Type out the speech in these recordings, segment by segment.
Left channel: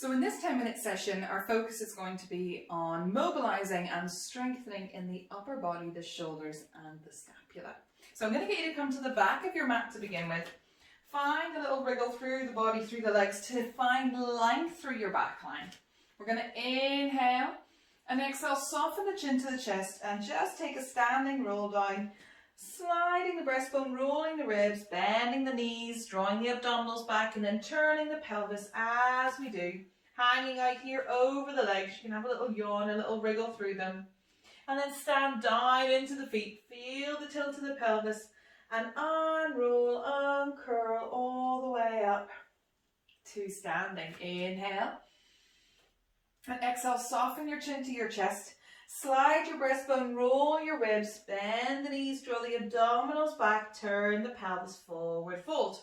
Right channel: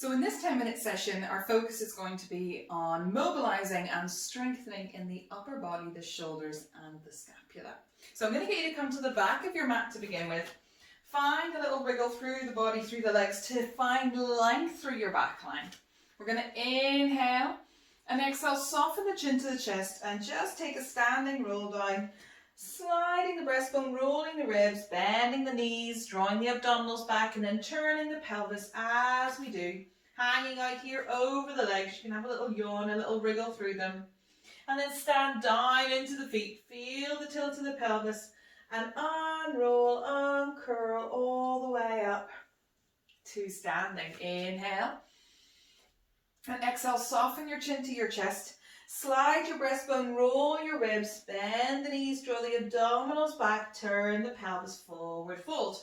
So in this 10-minute session, our focus is going to be on mobilizing and strengthening in the upper body, the shoulders and the scapula. So I'm going to get you to come to the back of your mat to begin with. Find a little wriggle through the body, through the legs to find length through your back line. We're going to inhale and exhale, soften the chin to the chest and just take a standing roll down, sliding the breastbone, rolling the ribs, bending the knees, drawing the abdominals back and then turning the pelvis as we do. Hanging out here over the legs. You can have a little yawn, a little wriggle through them. And then stand down into the feet. Feel the tilt of the pelvis and unroll, uncurl all the way up to standing. Inhale. And exhale, soften your chin to your chest. Slide your breastbone, roll your ribs, bend the knees, draw the abdominals back, turn the pelvis forward, fold.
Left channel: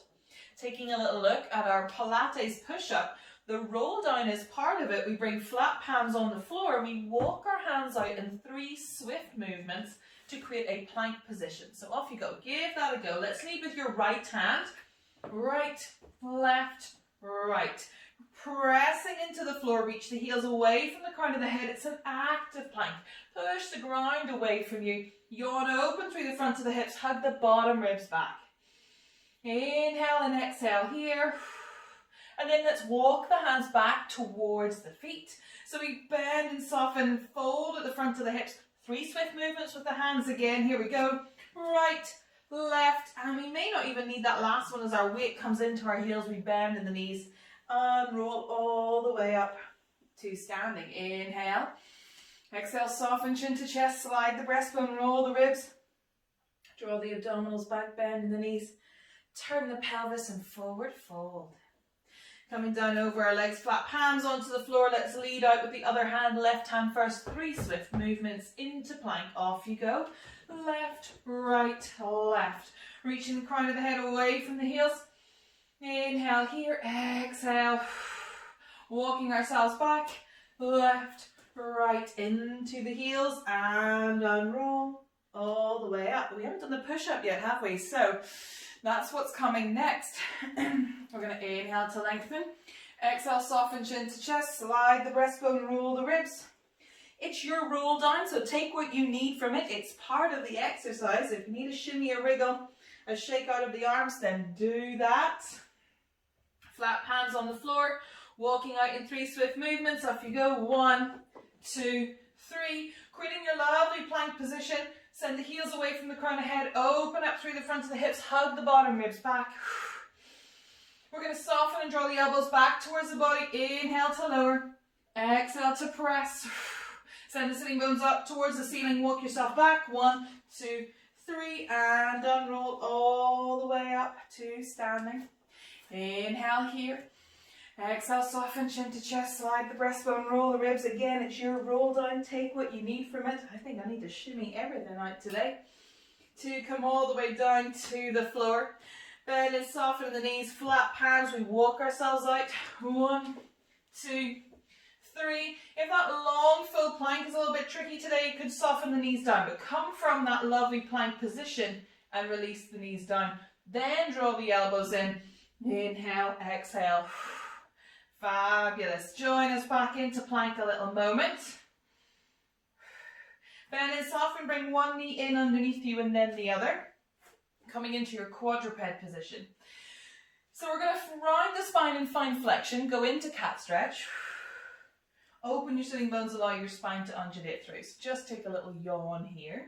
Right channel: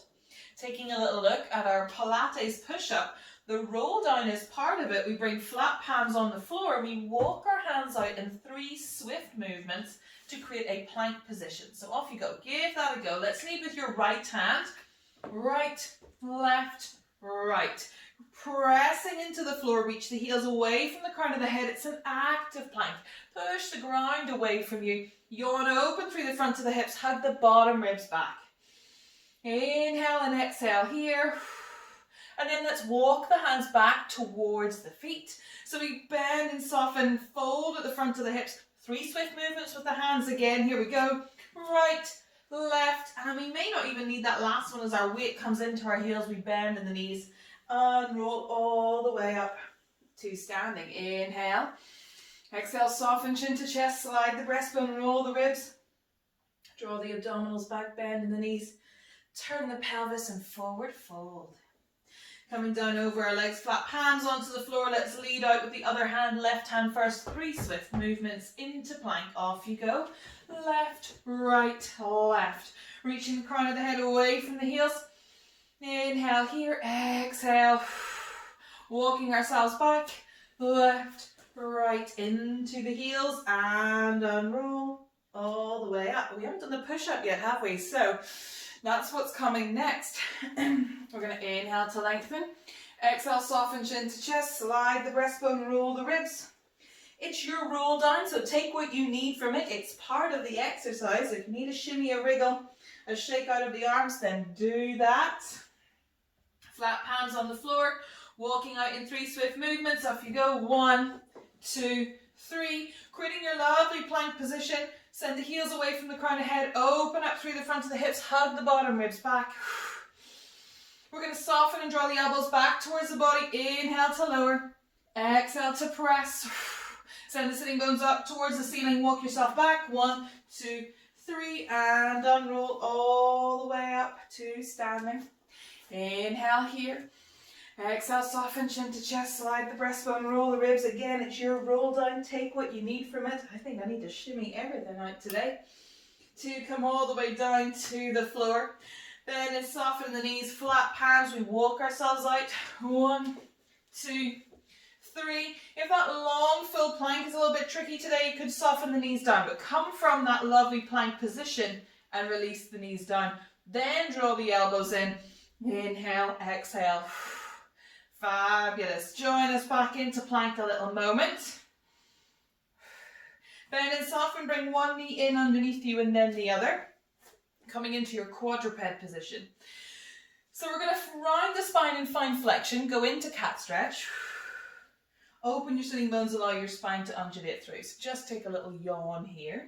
Taking a little look at our Pilates push-up. The roll down is part of it. We bring flat palms on the floor and we walk our hands out in 3 swift movements to create a plank position. So off you go. Give that a go. Let's lead with your right hand. Right, left, right. Pressing into the floor, reach the heels away from the crown of the head. It's an active plank. Push the ground away from you. Yawn open through the front of the hips. Hug the bottom ribs back. Inhale and exhale here. And then let's walk the hands back towards the feet. So we bend and soften, fold at the front of the hips. 3 swift movements with the hands again. Here we go. Right, left, and we may not even need that last one as our weight comes into our heels. We bend in the knees. Unroll all the way up to standing. Inhale. Exhale, soften chin to chest, slide the breastbone, roll the ribs. Draw the abdominals back, bend in the knees. Turn the pelvis and forward fold. Coming down over our legs, flat palms onto the floor. Let's lead out with the other hand, left hand first. 3 swift movements into plank. Off you go. Left, right, left. Reaching the crown of the head away from the heels. Inhale here, exhale. Walking ourselves back, left, right, into the heels and unroll all the way up. We haven't done the push-up yet, have we? So that's what's coming next. We're going to inhale to lengthen. Exhale, soften chin to chest. Slide the breastbone, roll the ribs. It's your roll down, so take what you need from it. It's part of the exercise. If you need a shimmy, a wriggle, a shake out of the arms, then do that. Flat palms on the floor. Walking out in 3 swift movements. Off you go. 1, 2, 3. Creating your lovely plank position. Send the heels away from the crown of the head. Open up through the front of the hips. Hug the bottom ribs back. We're going to soften and draw the elbows back towards the body. Inhale to lower. Exhale to press. Send the sitting bones up towards the ceiling. Walk yourself back. 1, 2, 3. And unroll all the way up to standing. Inhale here. Exhale, soften chin to chest. Slide the breastbone, roll the ribs. Again, it's your roll down. Take what you need from it. I think I need to shimmy everything out today. To come all the way down to the floor. Bend and soften the knees, flat palms. We walk ourselves out. 1, 2, 3. If that long full plank is a little bit tricky today, you could soften the knees down, but come from that lovely plank position and release the knees down. Then draw the elbows in. Inhale, exhale. Fabulous. Join us back into plank a little moment. Bend and soften, bring one knee in underneath you and then the other. Coming into your quadruped position. So we're going to round the spine and find flexion. Go into cat stretch. Open your sitting bones, allow your spine to undulate through. So just take a little yawn here.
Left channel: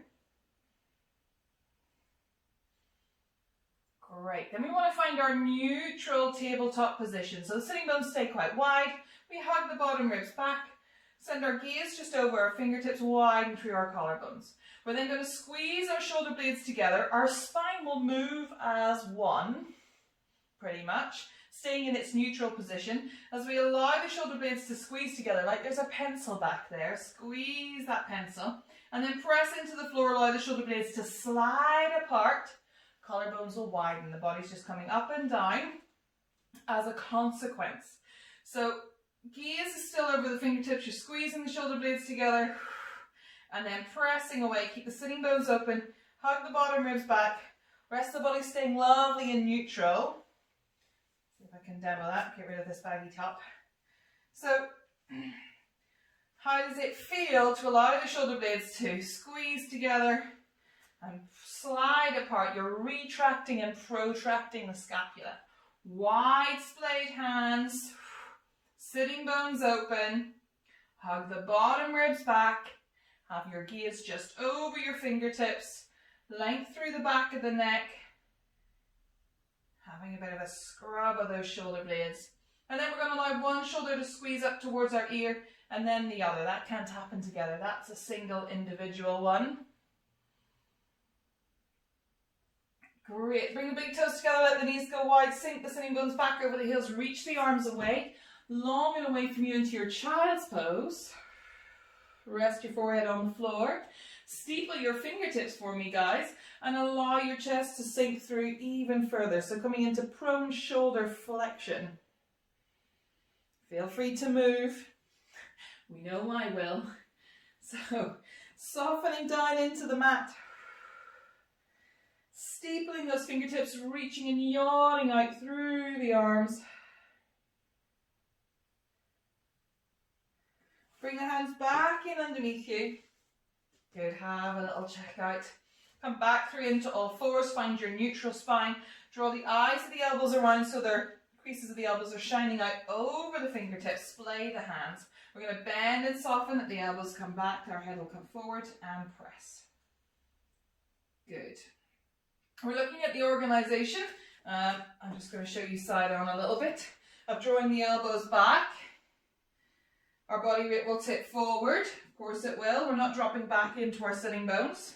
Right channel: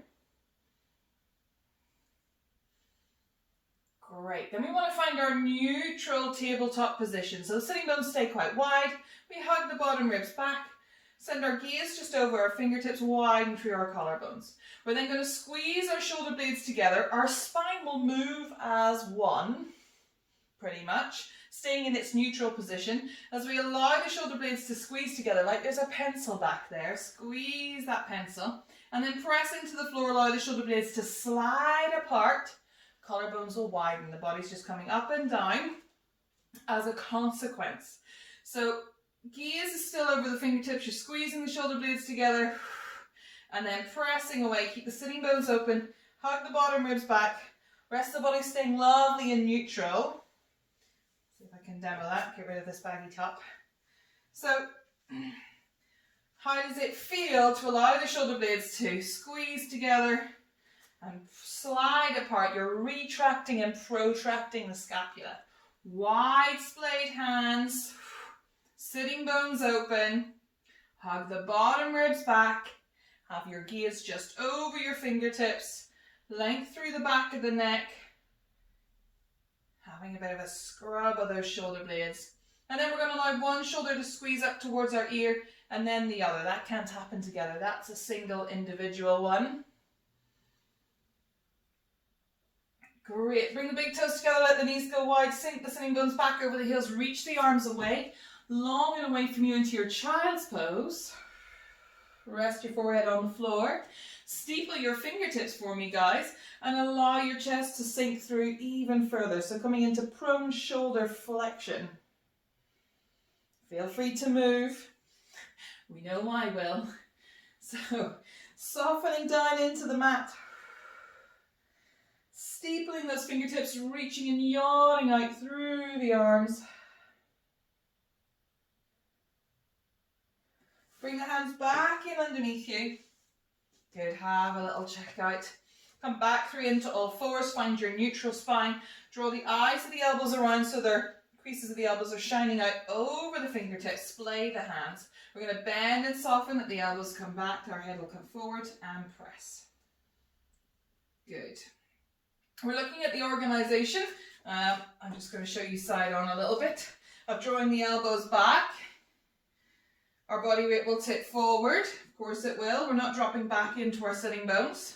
Great. Then we want to find our neutral tabletop position. So the sitting bones stay quite wide. We hug the bottom ribs back. Send our gaze just over our fingertips, widen through our collarbones. We're then going to squeeze our shoulder blades together. Our spine will move as one, pretty much, staying in its neutral position as we allow the shoulder blades to squeeze together like there's a pencil back there. Squeeze that pencil and then press into the floor. Allow the shoulder blades to slide apart. Collarbones will widen. The body's just coming up and down as a consequence. So gaze is still over the fingertips. You're squeezing the shoulder blades together and then pressing away. Keep the sitting bones open. Hug the bottom ribs back. Rest of the body staying lovely and neutral. See if I can demo that. Get rid of this baggy top. So how does it feel to allow the shoulder blades to squeeze together and slide apart? You're retracting and protracting the scapula. Wide splayed hands, sitting bones open, hug the bottom ribs back, have your gaze just over your fingertips, length through the back of the neck, having a bit of a scrub of those shoulder blades. And then we're going to allow one shoulder to squeeze up towards our ear and then the other. That can't happen together. That's a single individual one. Great. Bring the big toes together, let the knees go wide, sink the sitting bones back over the heels, reach the arms away, long and away from you into your child's pose. Rest your forehead on the floor. Steeple your fingertips for me, guys, and allow your chest to sink through even further. So coming into prone shoulder flexion. Feel free to move. We know I will. So softening down into the mat. Steepling those fingertips, reaching and yawning out through the arms. Bring the hands back in underneath you. Good, have a little check out. Come back through into all fours, find your neutral spine. Draw the eyes of the elbows around so their creases of the elbows are shining out over the fingertips. Splay the hands. We're going to bend and soften that the elbows come back, our head will come forward and press. Good. We're looking at the organisation. I'm just going to show you side on a little bit of drawing the elbows back. Our body weight will tip forward. Of course it will. We're not dropping back into our sitting bones.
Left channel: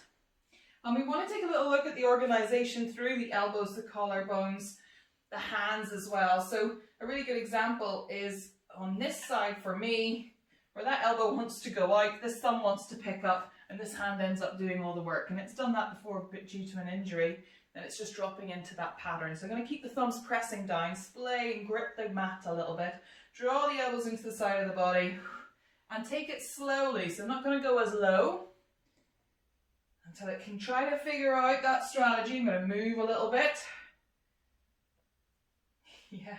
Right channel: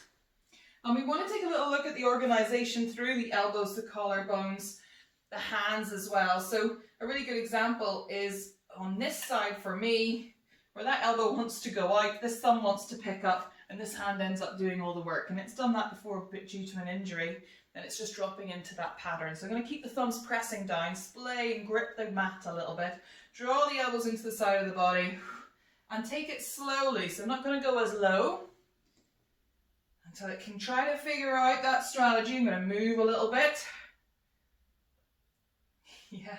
And we want to take a little look at the organisation through the elbows, the collarbones, the hands as well. So a really good example is on this side for me, where that elbow wants to go out, this thumb wants to pick up, and this hand ends up doing all the work. And it's done that before, but due to an injury, and it's just dropping into that pattern. So I'm going to keep the thumbs pressing down, splay and grip the mat a little bit. Draw the elbows into the side of the body and take it slowly. So I'm not going to go as low until it can try to figure out that strategy. I'm going to move a little bit. Yeah.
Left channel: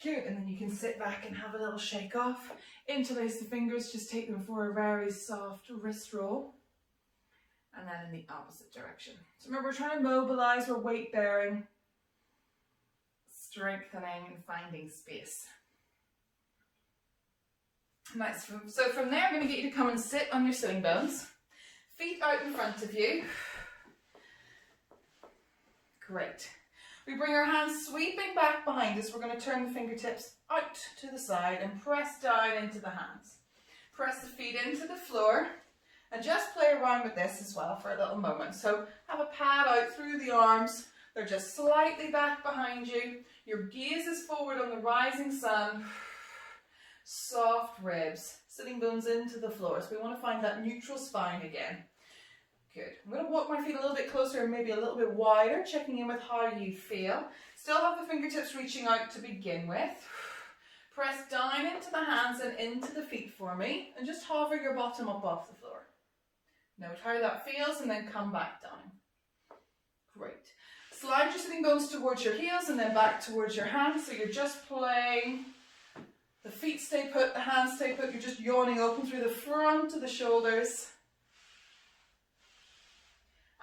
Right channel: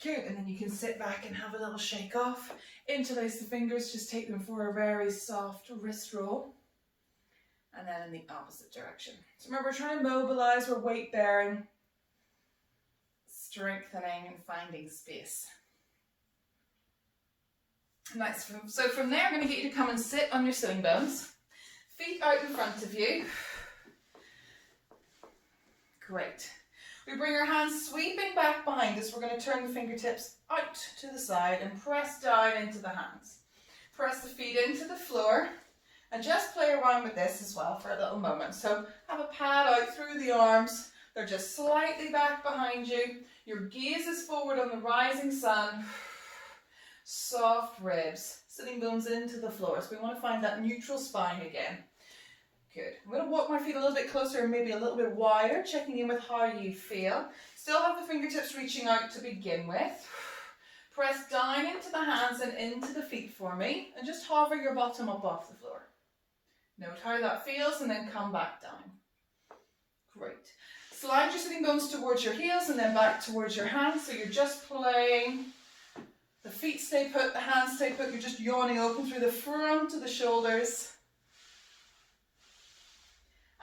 Good, and then you can sit back and have a little shake off. Interlace the fingers, just take them for a very soft wrist roll. And then in the opposite direction. So remember, we're trying to mobilize, we're weight bearing, strengthening and finding space. Nice. So from there, I'm going to get you to come and sit on your sitting bones. Feet out in front of you. Great. We bring our hands sweeping back behind us. We're going to turn the fingertips out to the side and press down into the hands. Press the feet into the floor and just play around with this as well for a little moment. So have a pad out through the arms. They're just slightly back behind you. Your gaze is forward on the rising sun. Soft ribs, sitting bones into the floor. So we want to find that neutral spine again. Good. I'm going to walk my feet a little bit closer and maybe a little bit wider, checking in with how you feel. Still have the fingertips reaching out to begin with. Press down into the hands and into the feet for me and just hover your bottom up off the floor. Note how that feels and then come back down. Great. Slide your sitting bones towards your heels and then back towards your hands. So you're just playing. The feet stay put, the hands stay put. You're just yawning open through the front of the shoulders.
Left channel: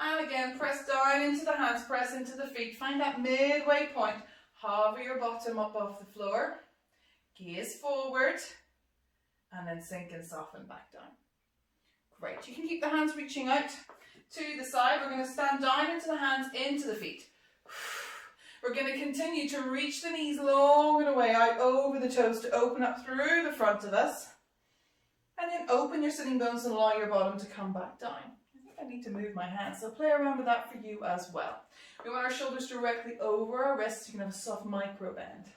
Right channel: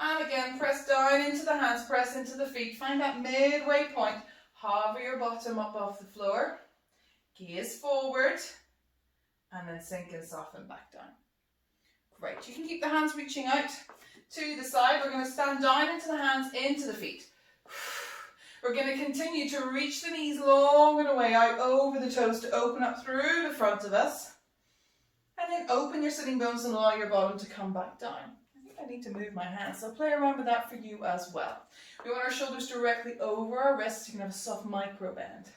And again, press down into the hands, press into the feet. Find that midway point. Hover your bottom up off the floor. Gaze forward. And then sink and soften back down. Great. You can keep the hands reaching out to the side. We're going to stand down into the hands, into the feet. We're going to continue to reach the knees long and away out over the toes to open up through the front of us. And then open your sitting bones and allow your bottom to come back down. I need to move my hands, so play around with that for you as well. We want our shoulders directly over our wrists. You can have a soft micro bend.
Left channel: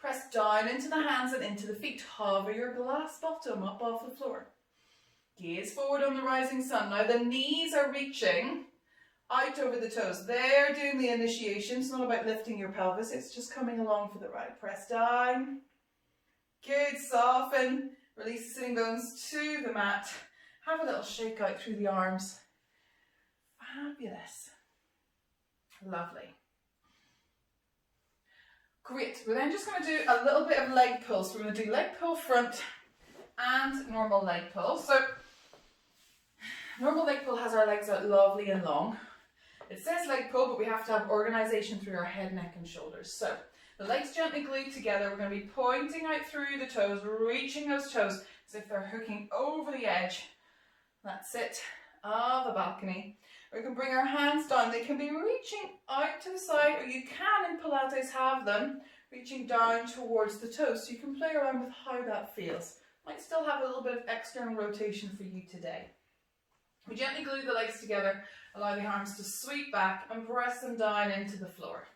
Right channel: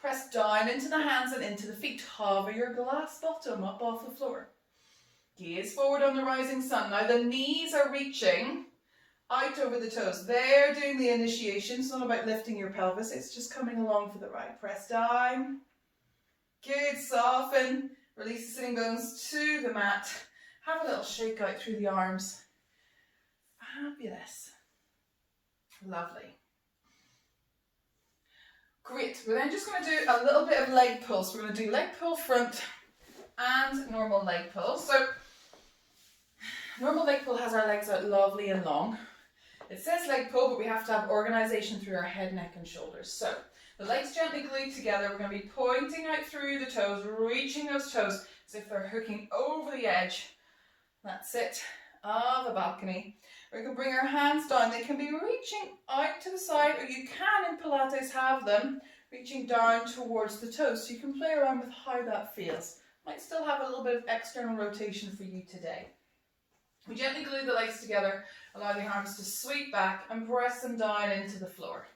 Press down into the hands and into the feet. Hover your glass bottom up off the floor. Gaze forward on the rising sun. Now the knees are reaching out over the toes. They're doing the initiation. It's not about lifting your pelvis. It's just coming along for the ride. Press down. Good. Soften. Release the sitting bones to the mat. Have a little shake out through the arms. Fabulous. Lovely. Great. We're then just going to do a little bit of leg pull. So we're going to do leg pull front and normal leg pull. So normal leg pull has our legs out lovely and long. It says leg pull, but we have to have organisation through our head, neck and shoulders. So the legs gently glued together. We're going to be pointing out through the toes, reaching those toes as if they're hooking over the edge. That's it, of a balcony. We can bring our hands down. They can be reaching out to the side, or you can in Pilates have them reaching down towards the toes. So you can play around with how that feels. Might still have a little bit of external rotation for you today. We gently glue the legs together, allow the arms to sweep back and press them down into the floor.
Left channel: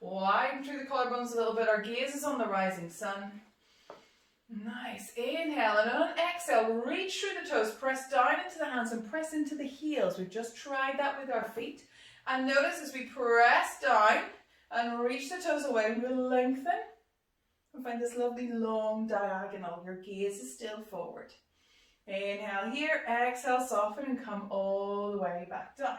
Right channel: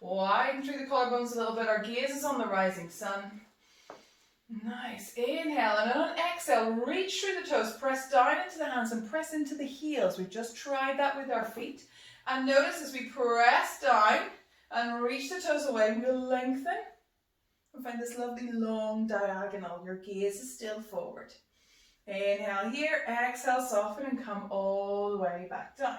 Widen through the collarbones a little bit. Our gaze is on the rising sun. Nice. Inhale, and on an exhale, reach through the toes, press down into the hands and press into the heels. We've just tried that with our feet. And notice as we press down and reach the toes away, we'll lengthen and find this lovely long diagonal. Your gaze is still forward. Inhale here, exhale, soften and come all the way back down.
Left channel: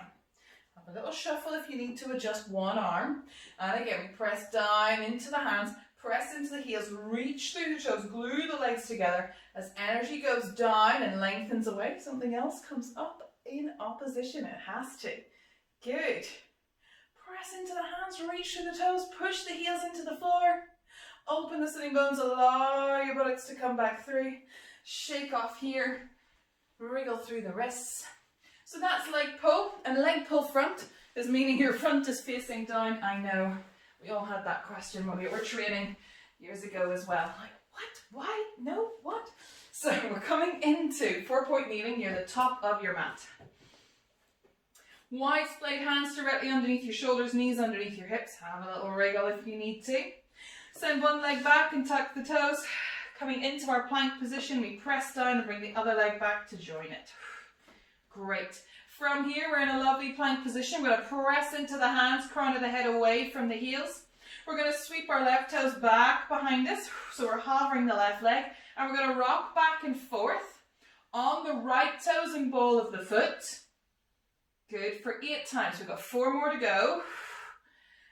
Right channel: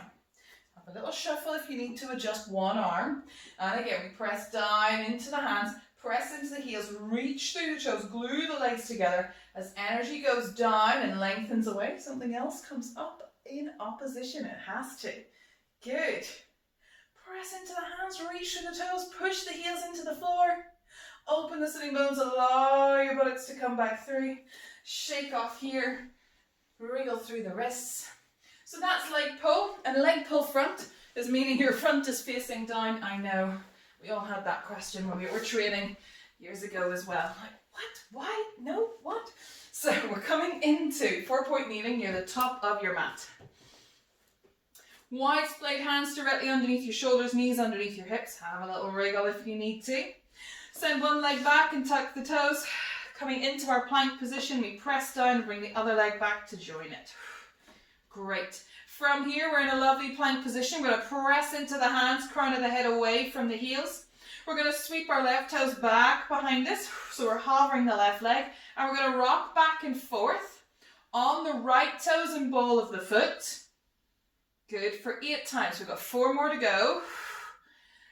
Have a little shuffle if you need to adjust one arm. And again, we press down into the hands, press into the heels, reach through the toes, glue the legs together. As energy goes down and lengthens away, something else comes up in opposition. It has to. Good. Press into the hands, reach through the toes, push the heels into the floor. Open the sitting bones, allow your buttocks to come back through. Shake off here, wriggle through the wrists. So that's leg pull, and leg pull front is meaning your front is facing down. I know, we all had that question when we were training years ago as well. Like, what? Why? No, what? So we're coming into 4-point kneeling near the top of your mat. Wide splayed hands directly underneath your shoulders, knees underneath your hips. Have a little wriggle if you need to. Send one leg back and tuck the toes. Coming into our plank position, we press down and bring the other leg back to join it. Great. From here, we're in a lovely plank position. We're going to press into the hands, crown of the head away from the heels. We're going to sweep our left toes back behind us. So we're hovering the left leg. And we're going to rock back and forth on the right toes and ball of the foot. Good for 8 times. We've got 4 more to go.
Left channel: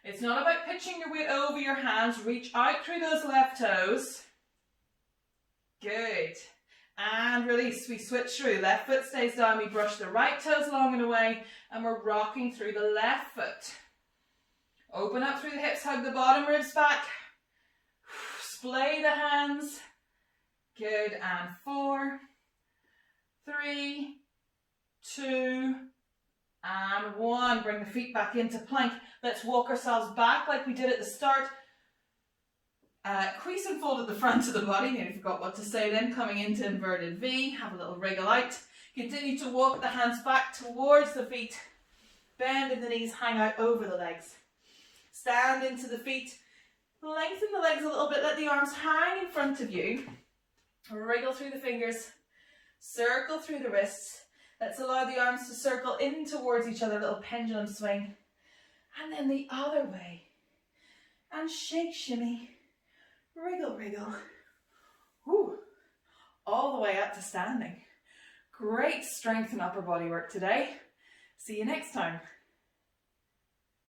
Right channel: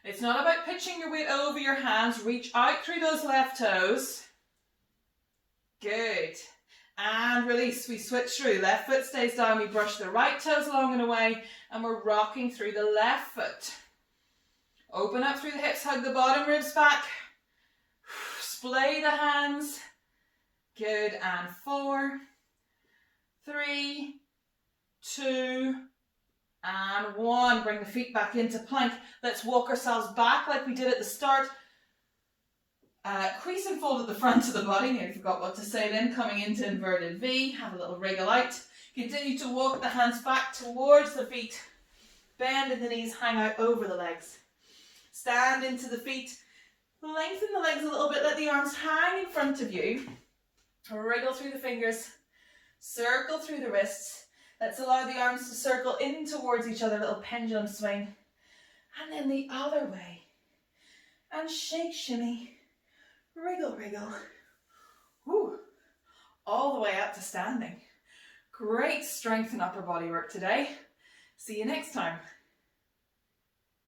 It's not about pitching your weight over your hands. Reach out through those left toes. Good. And release. We switch through. Left foot stays down. We brush the right toes along and away. And we're rocking through the left foot. Open up through the hips. Hug the bottom ribs back. Splay the hands. Good. And 4, 3, 2, and 1. Bring the feet back into plank. Let's walk ourselves back like we did at the start. Crease and fold at the front of the body. Nearly forgot what to say then. Coming into inverted V. Have a little wriggle out. Continue to walk the hands back towards the feet. Bend in the knees, hang out over the legs. Stand into the feet. Lengthen the legs a little bit. Let the arms hang in front of you. Wriggle through the fingers. Circle through the wrists. Let's allow the arms to circle in towards each other. A little pendulum swing. And then the other way. And shake, shimmy. Wriggle, wriggle. Woo. All the way up to standing. Great strength and upper body work today. See you next time.